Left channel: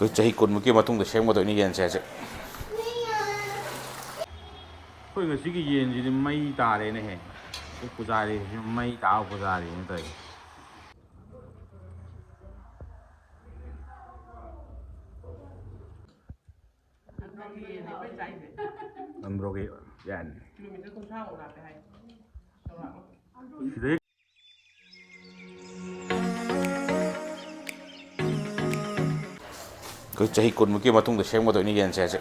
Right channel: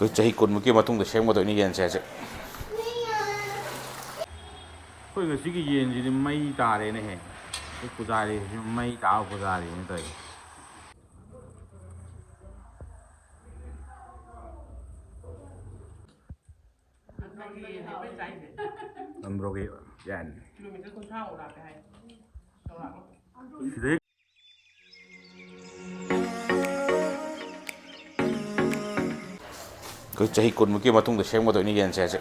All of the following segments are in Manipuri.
그 자기 꾼묵기 마통도 생모도 이게 제제 그 ngasi yen ji mai ta re ne he pujari mai ta pujari ne tai amrogi yan 그 자기 꾼묵기 마통도 생모도 이게 제제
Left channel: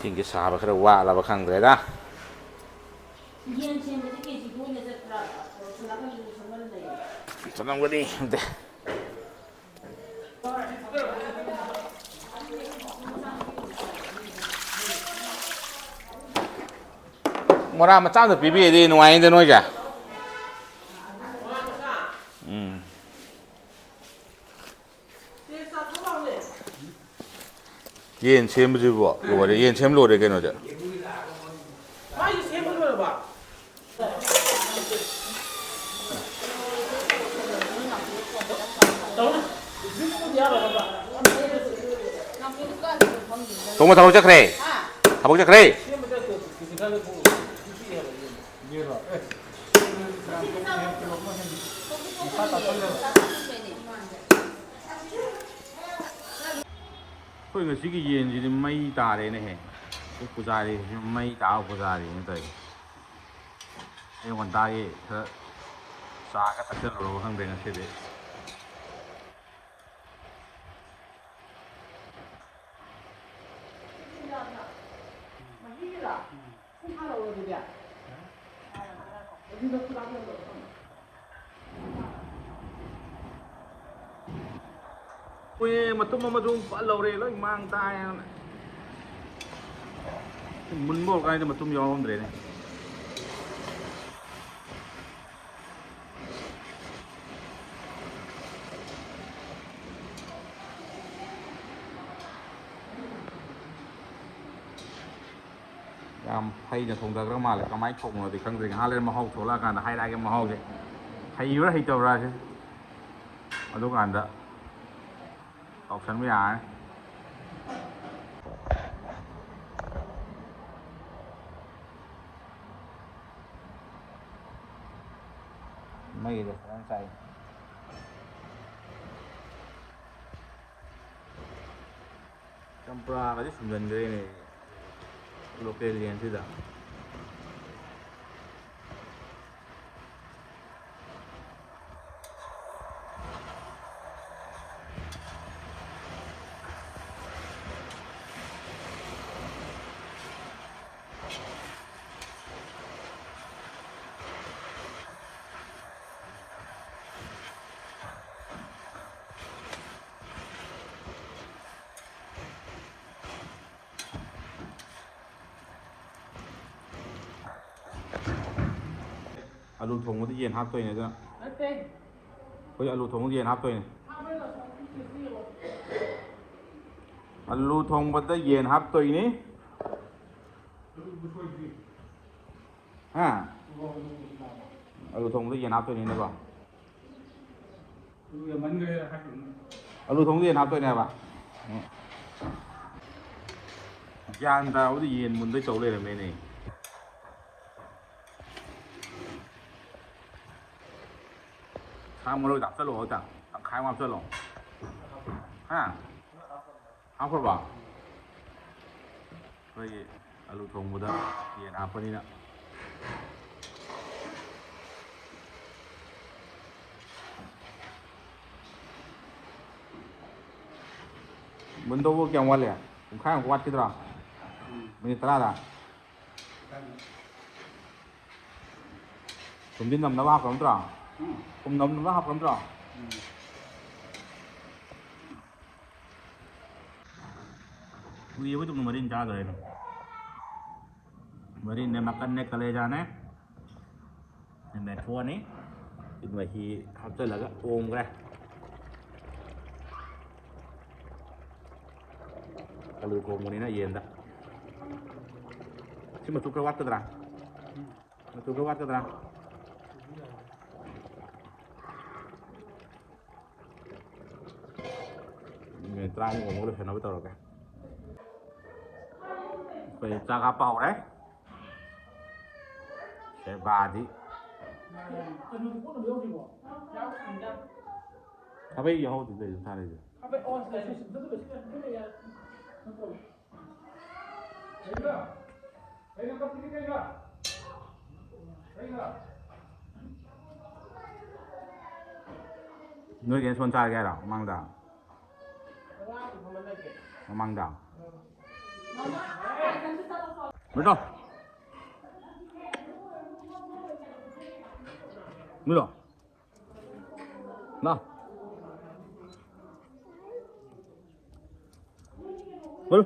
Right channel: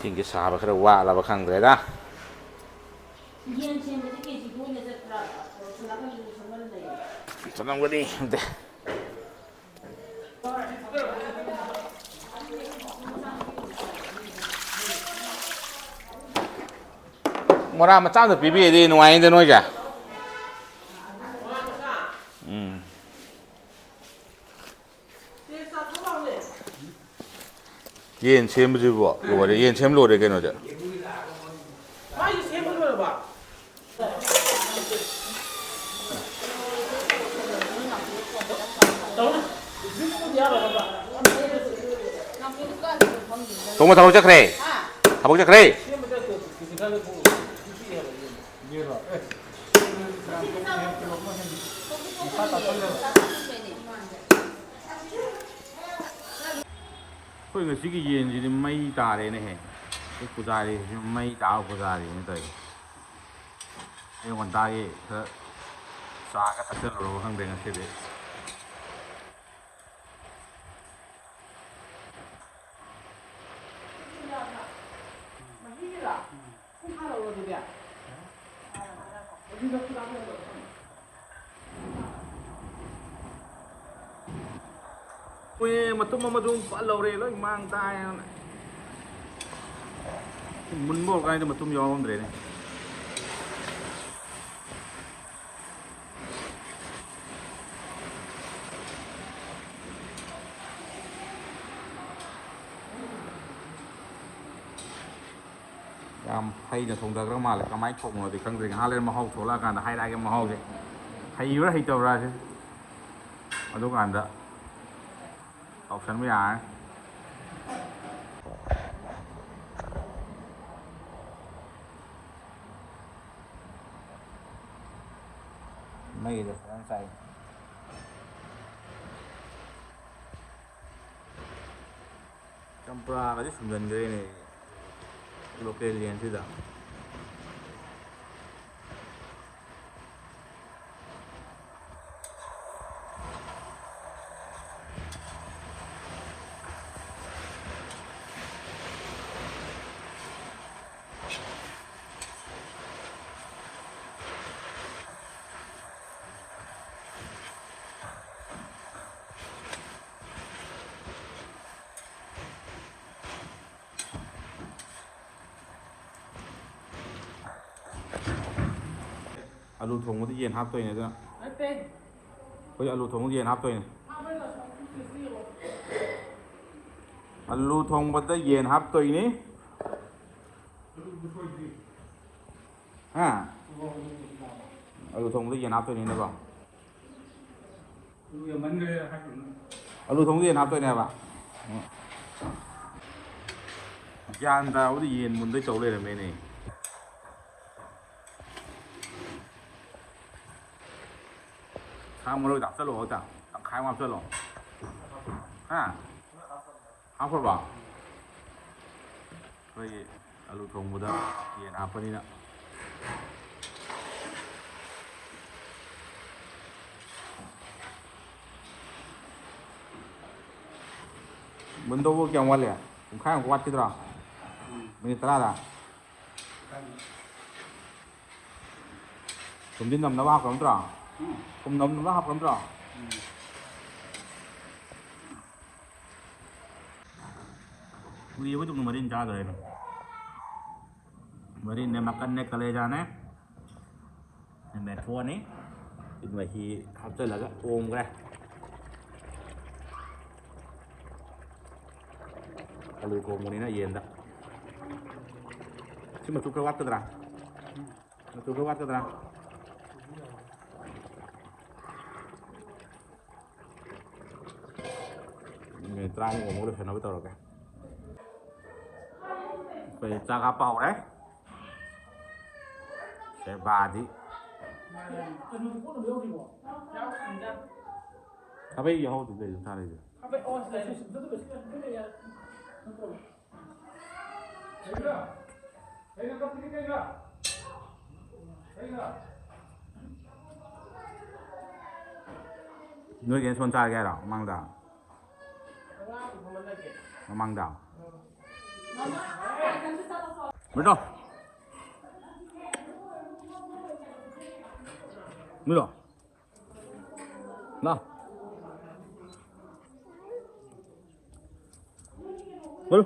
tinggi sahabat kira wa lah bakang deh senang gue nih deh murah macam tu pipi di nuain deh nuaja yen chem biji bu yo de yen chem lo de ke no ja tunggu tahu cak re tahu cak re 그 ngasi yen ji mai ta re ne he pujari mai ta pujari ne tai ai wan ta ye sa ka ta ro hang de ngasi de mà tung mà tung phải lâu rồi nó mang tay muốn mua cái mà tung gió không để này làm hay là thùng đặc mà lại có máy khủng rồi thì không thể hai lên mà hậu số là cả hai đại cái mà hậu vậy hay yếu hay trâu ra chứ ở đâu cả đó học sinh bây giờ mấy được đang xài campra cái semen cái này local liền chứ đâu alu thùng có yen hấp tôi này cơ có alu thùng có yen hấp tôi này alu thùng có yen hấp tôi này ha alu thùng có yen hấp tôi này bà alu thùng có yen hấp tôi này bà gian tao có yen muốn tới chỗ này là mấy này sang một đôi đạp sơ lộ chẳng đạp khai ngoan sơ lộ ha không phải bảo rồi alu thùng một đó thì apa đi nữa mình đâu có kêu ngoan này khai ngoan chứ đâu mình tara là mình đi nằm nó vào không đâu cùng nằm nó học lắm rồi đi với chúng mình ra rồi mình để makan nek kale jane nên thua ní thì mà khi học tới là cái ôm cái Kalau komunina yenda. Si masuk ke waktu terang. Masuk ke waktu terang. Ini terang ngomong lu kenapa tahu kan? Phải apa đấy? Sẽ bà đi. Apa yang mau juga chúng ta đây? Người kiến xuân trai cái đó mang đào, mang đào. Betul. Betul. Nah. Betul.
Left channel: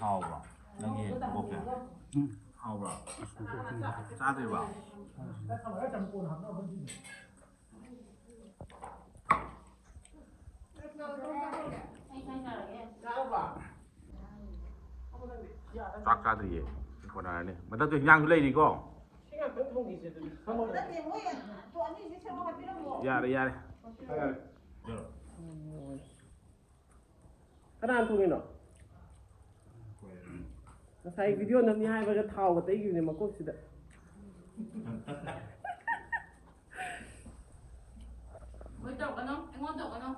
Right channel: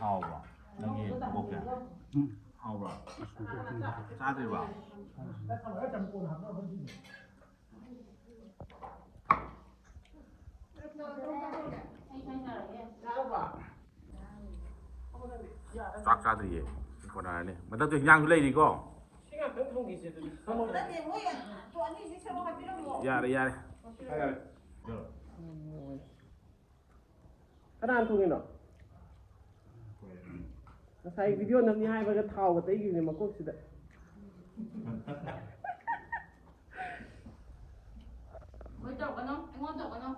Hào vào, đang nghe một cái. Hào vào, sao thì vào. Phát ra thì còn này này, mà tao tự nhang lên đi cô. Ra đây, ra đây. Cái nào tụi nó? Saya video nanti hai bagai tahu, tapi gini makuk sudah. Mới chọc cái nó, anh ngon chọc cái nó.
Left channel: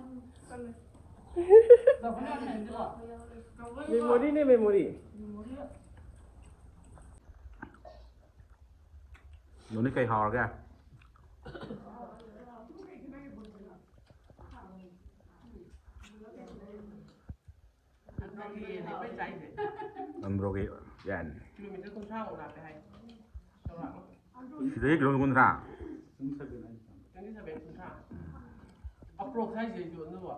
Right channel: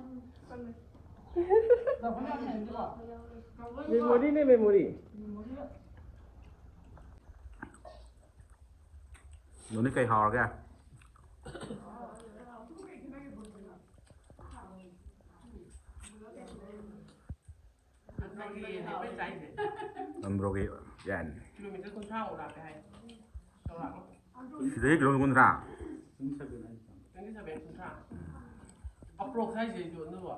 Memori ni memori. Nó ní cây hò kìa. Rogi, yan. Thế cái con ra. Ini sampai tuntas. Upload saja jual dulu.